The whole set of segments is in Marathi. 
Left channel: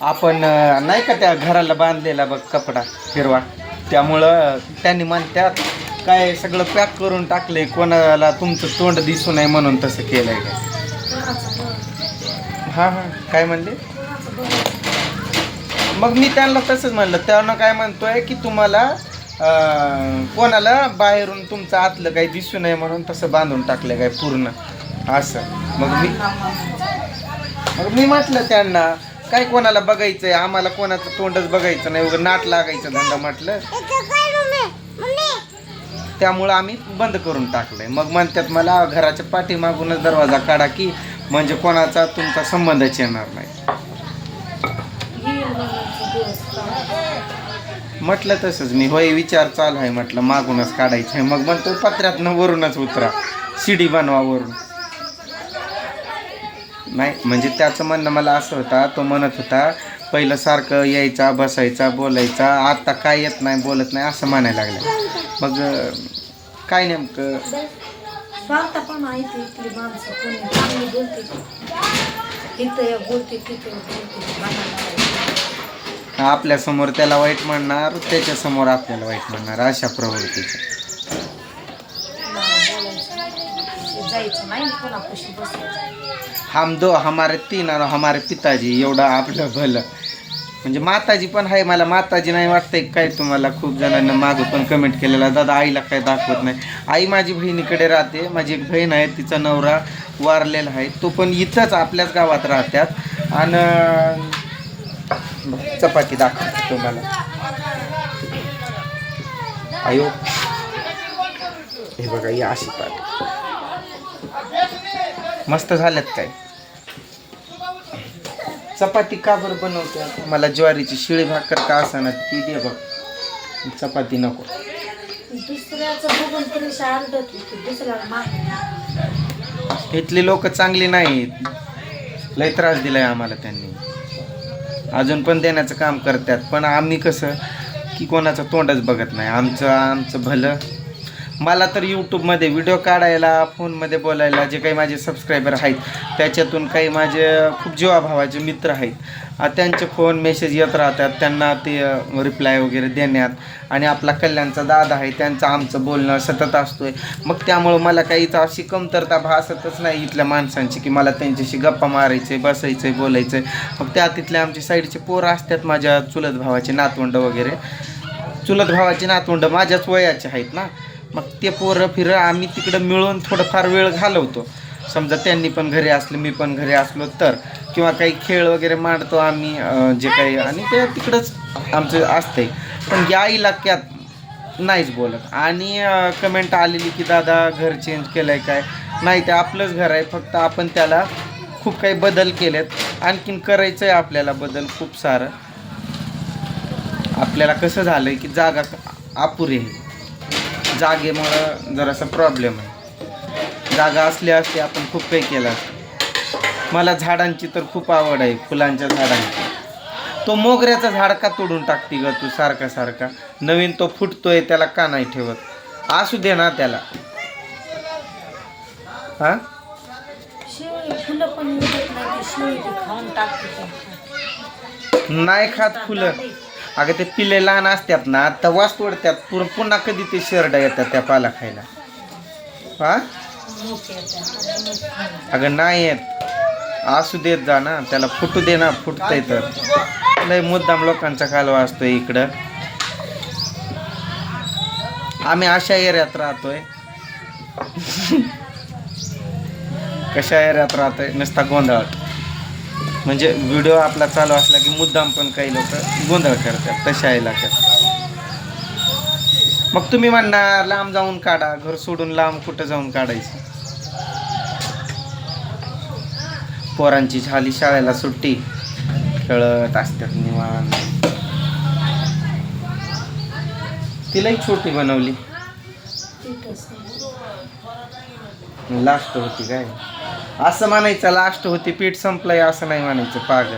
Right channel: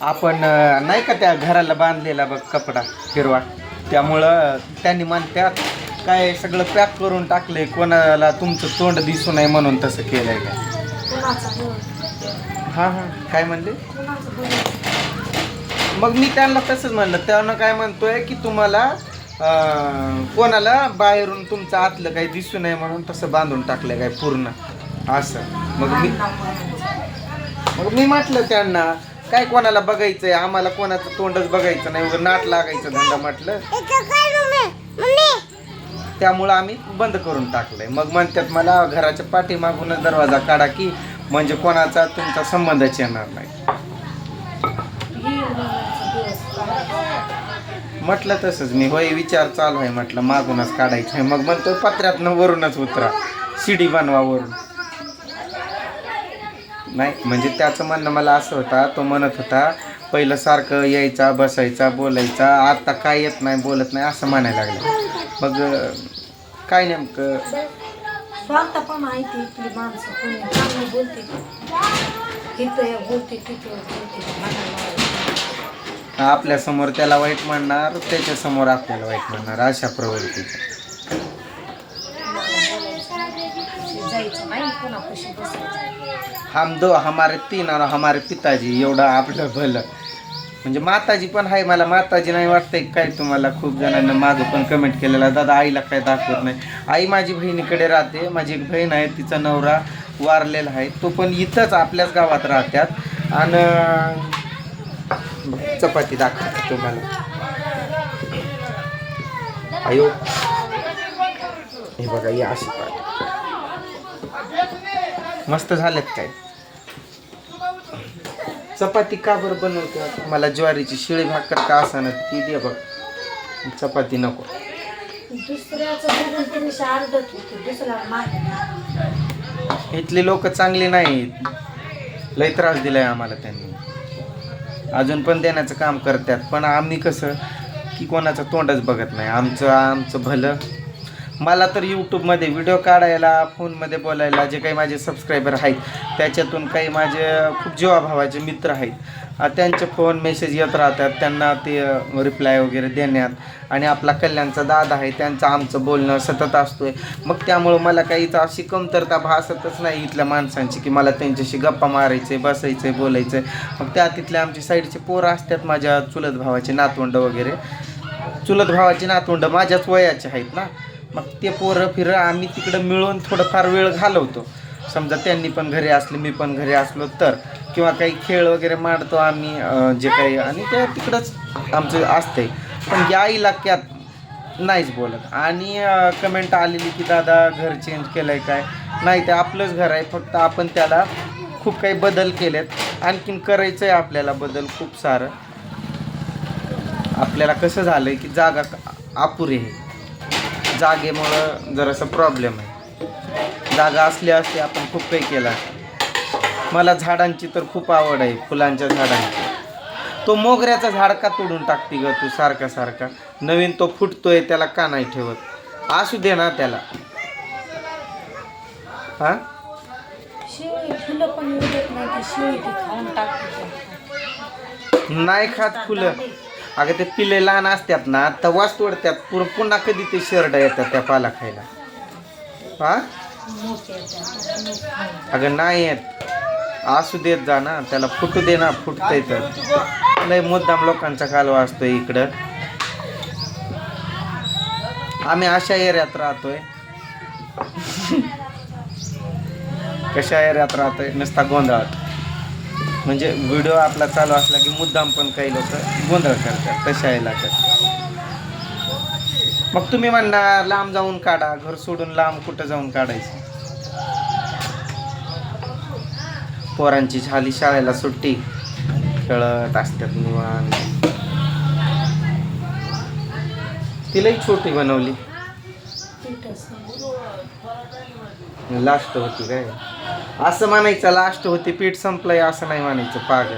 आपण नाही का त्या घराला बांधलेला बघ कपडा हिरवा, त्यामुळं त्यांनी म्हणतात काय सगळं पॅक करून टाकले, कोणाला तुमचं तोंड दिसू नये म्हणून तसं केलंय का. हां हां काय म्हणले. मग मी त्यांना तसंच म्हणलं, त्यांना काय म्हणतोय की तुम्हाला कोणाला बाहेरून तुमचं आतलं काही दिसू नये म्हणून तसं बांधून टाकलंय काय पूर्ण असं. मग मी म्हटलं त्यांना काय कोणाला बघायचंय, आम्हाला कोणाचं तोंडच बघायचं नाही, वगैरे नाट लागायचं धंदा म्हटलं, त्यामुळं आम्ही बंद करून टाकलंय. मग म्हणतात मला घराच्या पाठीमागूनच दरवाजा काढा की म्हणजे कोणाचा तुमचा संबंधच येणार नाही. म्हटलं तसंच मी, होय विचार चालू आहे म्हटलं मागूनच काढायचं आहे. मग म्हणतो पत्र्यातनं वरूनच उतरा, शिडी बनवा वरून. नाही म्हणजे त्याचं म्हणणं मला असं होता, तो म्हणत होता पहिलं सारखं यायचा बसायचा बोलायचा, आता काय येत नाही बोलत नाही असं म्हणायला लागलं. मग काय नेमकं पण माहिती इथली माणसं कोणी चांगली बोलते, तिथे बोलते तिथे बोलते, आपल्या समोर त्याला वाईट म्हणणार, त्याच्या समोर आपल्याला वाईट म्हणणार, अशा प्रवृत्तीचं. जायचं नाही कोणापाशी बसायचं. हमारे तीन आणि हमारे पिताजी एवढं आपलं भलं. म्हणजे माताजी पण आहे, मला माताजी नाही वाटतंय काय. तुम्हाला खूप जणांना मागं पण कमेंट केलेला, दादा आईला काय दाखवत नाही. आई माझी बहिणीकडे राहते, माझी एक बहीण आहे, तिचा नवरा वारलेला आहे, तो पण इथंच आपल्याच गावात राहतात. आणि चपाती दाखवते तुम्हाला. अयो हे बघा ही अशी काय मस्त झाल्यात काय. चपाती का बरं बनवते, मला ज्वारीची शिळी भाकर का असाना ती दे बघ, चपाती नको. इथली लोक चांगली नाहीत, लय त्रास दिलाय आम्हाला त्यांनी, अजून पण देण्याचं काम करतात. पण आम्ही कसं की कोणाचं तोंडच बघत नाही, आमचं भलं. मला तर यूट्यूबमध्ये व्हिडिओ काढायला, फोनमध्ये बोलायला, जे काही माझे सबस्क्रायबर आहेत त्याच्यातून काही माझे खूप जीवाभावाचे मित्र आहेत, त्यांचे फोन मेसेज येत राहतात, त्यांना ते रिप्लाय वगैरे देण्यात. आणि आपला कल्याणचा दादा आहे, त्यांचं आमचं बोलणं सतत असतोय. मग त्यामुळं मला काहीच अशी कमतरता भासतच नाही इथल्या माणसांची की मला त्यांच्याशी गप्पा मारायचे, बसायचं, बोलायचं. मग त्या तिथल्या आमची साईडचे पोरं असतात, माझ्या चुलत भावाचे नातवंड वगैरे, चुलत भावाची नातवंड माझ्याच वयाचे आहेत ना. मग ते पोरं फिरं आम्ही तिकडं मिळून थोडंफार वेळ घालवतो. समजा त्यांनी पण घरी असलं, मी पण घरी असलो तर, किंवा काही खेळ वगैरे मांडतो आम्ही जे काही, आणि ते तिकडंच आमचं असतंय. पण या इलाक्यात नाहीच बोलत. आणि कमेंट आलेली की दादा घर चेंज केलं आहे काय, नाही ते आपलंच घर आहे, फक्त आपण त्याला खूप काही बदल केलेत, आणखीन करायचं आहे आपल्याला बदल खूप सारं. आपल्याला कसं झालं आहे की जागा अपुरी आहे, जागेमुळं जरासा प्रॉब्लेम आहे. जागा असली असते आपण खूप काही केलं असतं. मला झाडांची तर खूप आवड आहे, फुलांच्या झाडांची. तो मोगऱ्याचा झाड का तोडून टाकते ग तू सारखा सारखा, नवीन तो फुटतोय त्याला का नाही ठेवत, असू दे ना त्याला. हा शिवळी फुलं पण येत नाही, ती शिवळी ती खाऊन टाकते. नाही खात फुलं. अगं ते पिले लहान असतात ना तवाच तोडतात, पुन्हा कधी ते शेरडा येतात त्या पाला खायला. हा अगं नाही येत, असू देत जा ना त्याला, फुटू दे ना, फुटतंय तर. लय मुद्दाम लोकांचा कालवा असतोय इकडं. आम्ही अशा एरियात राहतोय कशा एरियात राहतोय, नुसता गोंधळात. म्हणजे व्हिडिओ आपला चालू असला की मुद्दाम पण काही लोक गोंधळ करतात, तशा इलाक्यात. मग तुम्ही म्हणणार लांब जाऊन काढा, घर सोडून लांब कुठं जाऊन काढायचं. पोरांची झाली शाळेला सुट्टी, खेळत असतात निवांत. तिलाही छोटी बनवली, लास्ट होती काय असं म्हणायचं, लास्ट होती पीठ संपलंय असं नाही म्हणायचं पागल.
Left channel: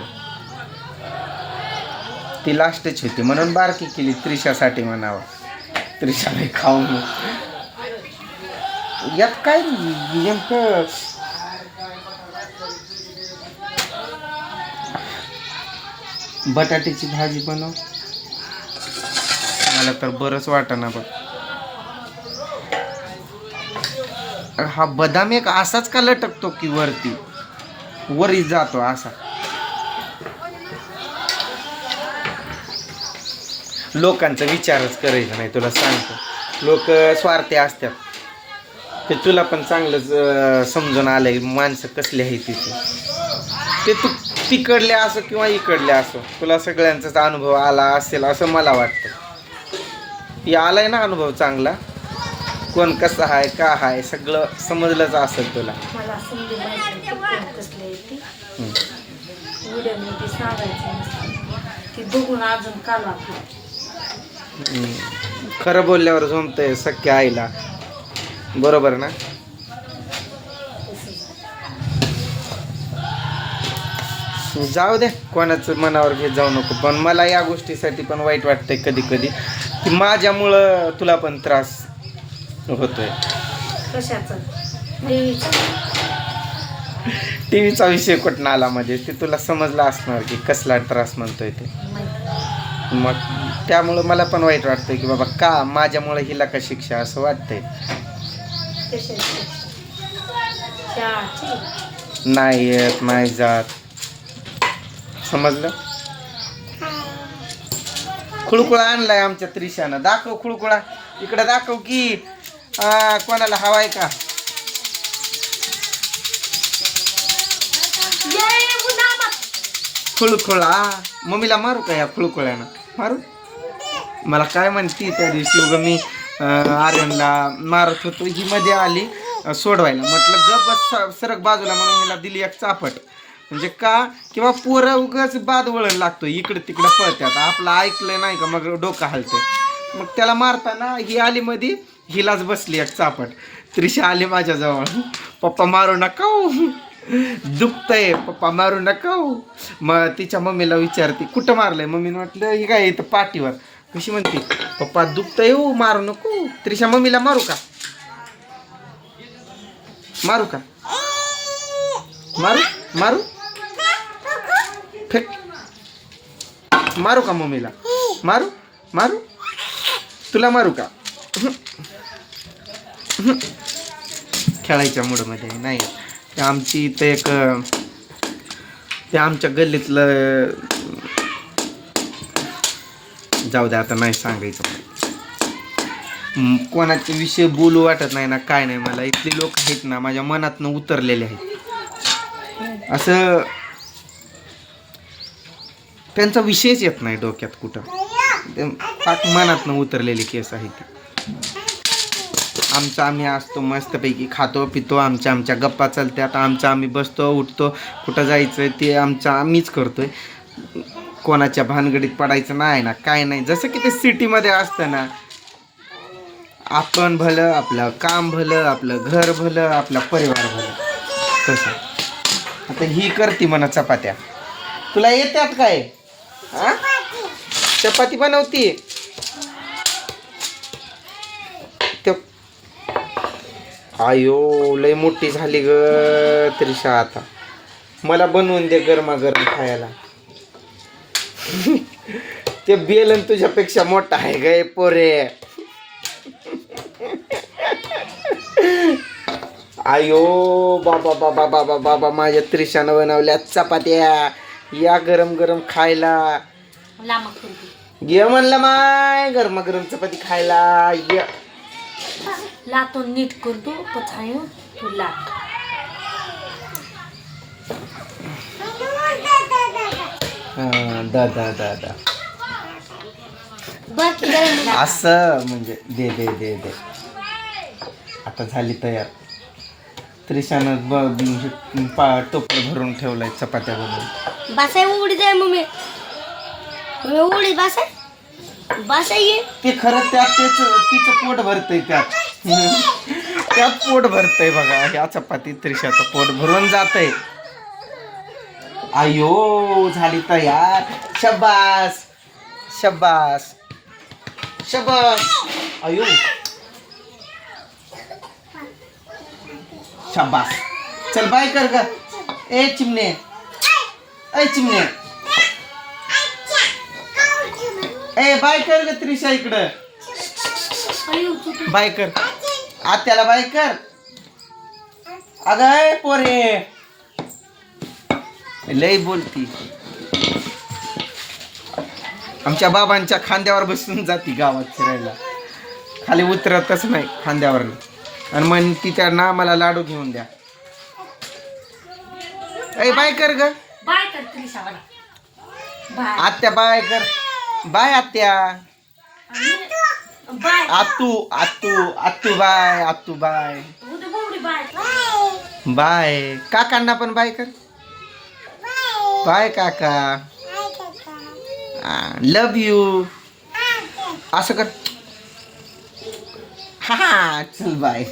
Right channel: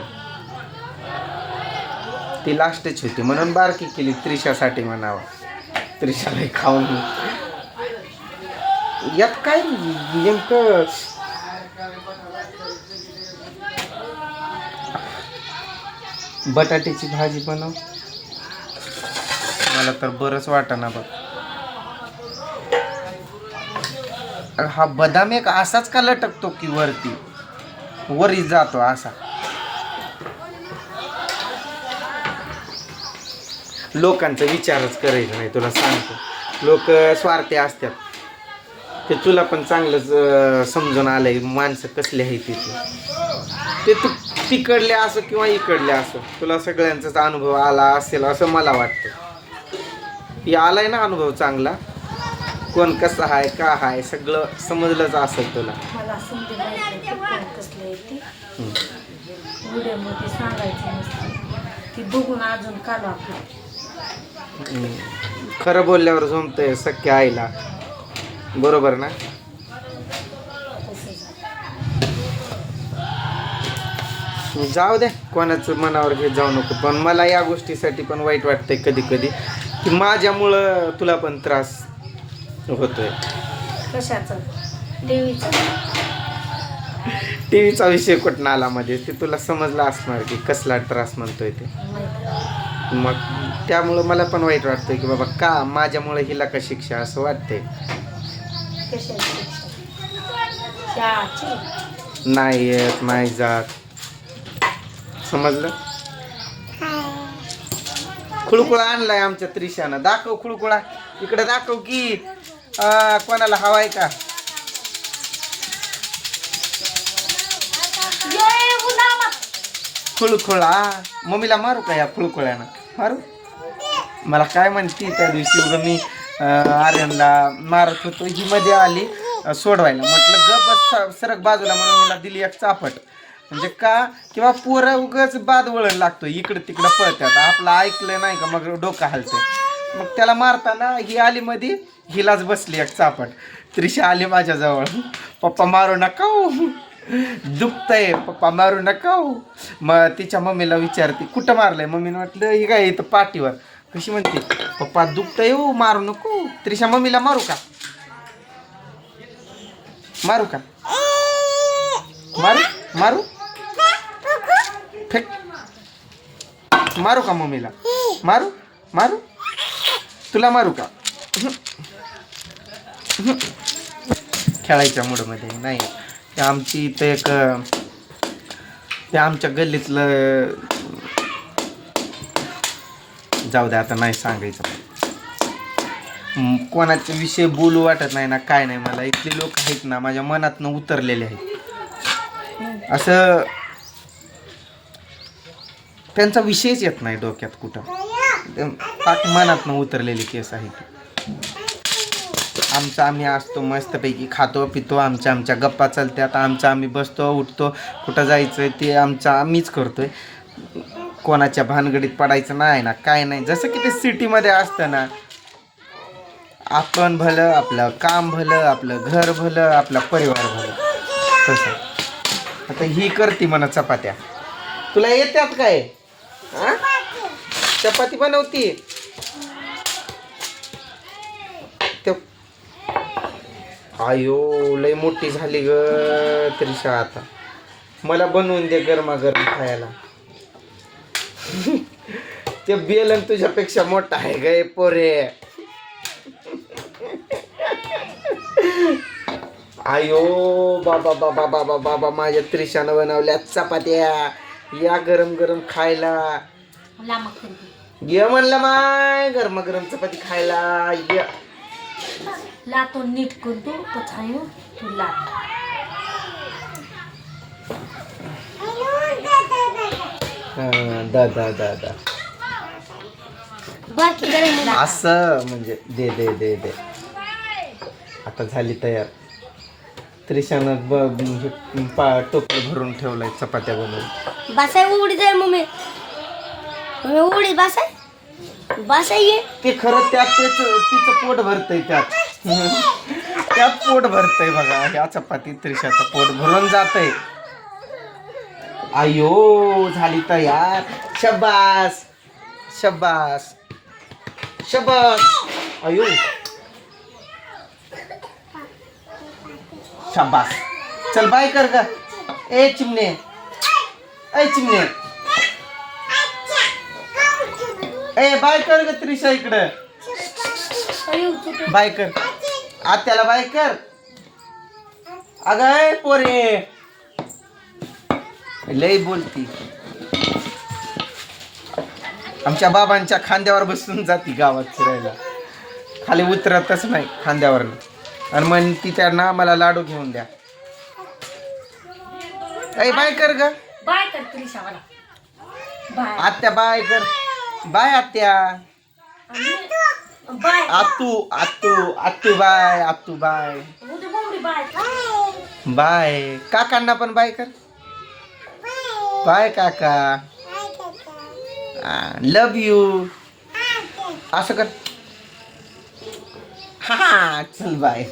ती लास्टच होती म्हणून बारकी केली त्रिशासाठी म्हणावं, त्रिशाला खाऊन. यात काय नेमकं बटाट्याची भाजी बनव. मला तर बरंच वाटेना बघ. हा बदाम एक असाच का लटकतो की वरी जातो असा. लोकांचा विचारच करायचा नाही, तुला सांगतो. लोक स्वार्थी असतात. ते तुला पण चांगलंच समजून आलंय माणसं कसली आहे तिथे. ते तू तिकडले असो किंवा इकडले असो, तुला सगळ्यांचाच अनुभव आला असेल असं मला वाटतं. हे आलाय ना अनुभव चांगला. कोण कसं आहे का आहे सगळं समजलंच असेल तुला. मला समजे माहिती कोण कसले आहे ती व्हिडिओमध्ये सांगायचं नसतं की बघून अजून काल आपलं. खरं बोलल्यावर जमतंय सख्या आईला, बरोबर ना. जाऊ दे, कोणाचं मनावर घेत जाऊ नको. पण मला या गोष्टीसाठी पण वाईट वाटतंय कधी कधी की माझ्यामुळं तुला पण त्रास होतोय. कशाचं? देवीचं. टीव्हीचा विषय कुठं आला म्हणजे ते तुला समजलं असणार की कसला त्रास म्हणतोय ते. मग त्यामुळं मला पण वाईट वाटतंय की बाबा का माझ्यामुळे हिला का शिक्षा असं वाटतंय. नाही येत नाही जात, समजलं. खुळकुळा आणलाय आमच्या त्रिशानं. दाखव खुळकुळा, इकडे दाखव की. कोणाला हवाय का? खुळखुळा. मम्मीला मारू का या खुळकुळ्यानं? मारू. मला काय म्हणती त्या दिवशी उगं मी आर्यनला मारत होतो, ही मध्ये आली सोडवायला. म्हटलं गप सरक बाजूला म्हणून हिला दिली एक चापट. म्हणजे का किंवा पोरं उगच बाद वळण लागतो, इकडं तिकडं पळतात. आपलं ऐकलं नाही का मग डोकं हलतं. मग त्याला मारताना ही आली मध्ये, हिलाच बसली एक चापट. त्रिशा आली माझ्याजवळ. पप्पा मारू नका, दुखतंय पप्पा मारू नका. मग तिच्या मम्मीला विचारते कुठं मारलंय. मम्मीने म्हटलं ही काय इथं पाठीवर. कशी म्हणते पप्पा दुखतंय हो मारू नको. त्रिशा मम्मीला मारू का? मारू का? मारू मारू फेक. मारू का मम्मीला? मारू मारू तुला मारू का? खेळायच्या मूडमध्ये नाही. ते आमची इथं एक ते आमच्या गल्लीतलं, जाऊ दे आता नाही सांगायचं. कोणाचे विषय बोलू वाटत नाही ना काय नाही. मला इथले लोक आहेत ना माझ्या मनातनं उतरलेले आहेत. असं त्यांचा विषयच येत नाही डोक्यात कुठं. पाक मनातनं उतरलेली केस आहे ती. आमचं आम्ही असतो मस्तपैकी, खातो पितो, आमच्या गप्पा चालतात. आमचं आम्ही बसतो उठतो, कुठं जायचं ते आमचं आम्हीच करतोय. कोणाच्या भानगडीत पडायचं नाही ना काय नाही. जसं की ते सिटीमध्ये असतं ना, आपण भलं, आपलं काम भलं, आपलं घर भलं, आपला परिवार भलं. तसं आता ही करते म्हणा चपात्या. तुला येतात काय? चपाती बनवती ते. आयो लय मोठी झाली ग त्रिशा. आता मला बनवून दे गरमागरम खायला. ते बेलन तुझ्यापेक्षा मोठा आहे गे पोरे. आयो बाबा बाबा बाबा बाबा माझ्या त्रिशानं बनवल्या चपात्या. या गरम गरम खायला. ये म्हणलं माय गरमागरम चपाती खायला ये. लातो नीट करतो पछायो तू लात. दादा असं म्हणजे दे दे दे दे. आता झाली तयार. त्रिशानं टोपलं भरून ठेवलंय चपात्या बनवून. बासाय उडी जाय मम्मी. उडी बासाय बासाय. ते खरं त्यात तिचं पोट भरतंय. त्यात पोट भरतंय बघा. ह्या चपाती त्रिशाचं पोट भरून जातंय. आयो झाली तयार. शब्बास शब्बास शब्बास. आयो शब्बास. चल बाय कर ग. ए चिमणे, ए चिमणे. ए बाय कर ग त्रिशा इकडं. अयो, चुकलं. बाय कर आत्याला बाय कर. अगं ए पोरे लय बोलती. आमच्या बाबांच्या खांद्यावर बसून जाती गावात फिरायला. खाली उतरतच नाही खांद्यावर. आणि मग तिच्या ना मला लाडू घेऊन द्या. ए बाय कर ग. बाय कर त्रिशावाला. बाय. आत्या बाय कर. बाय आत्या. बाय. आतू आतू आतू बाय. आतू बाय. उद्या बोबडी बाय. बाय. काकांना पण बाय कर. बाय काका. लव यू. असं कर. हा चल बाय.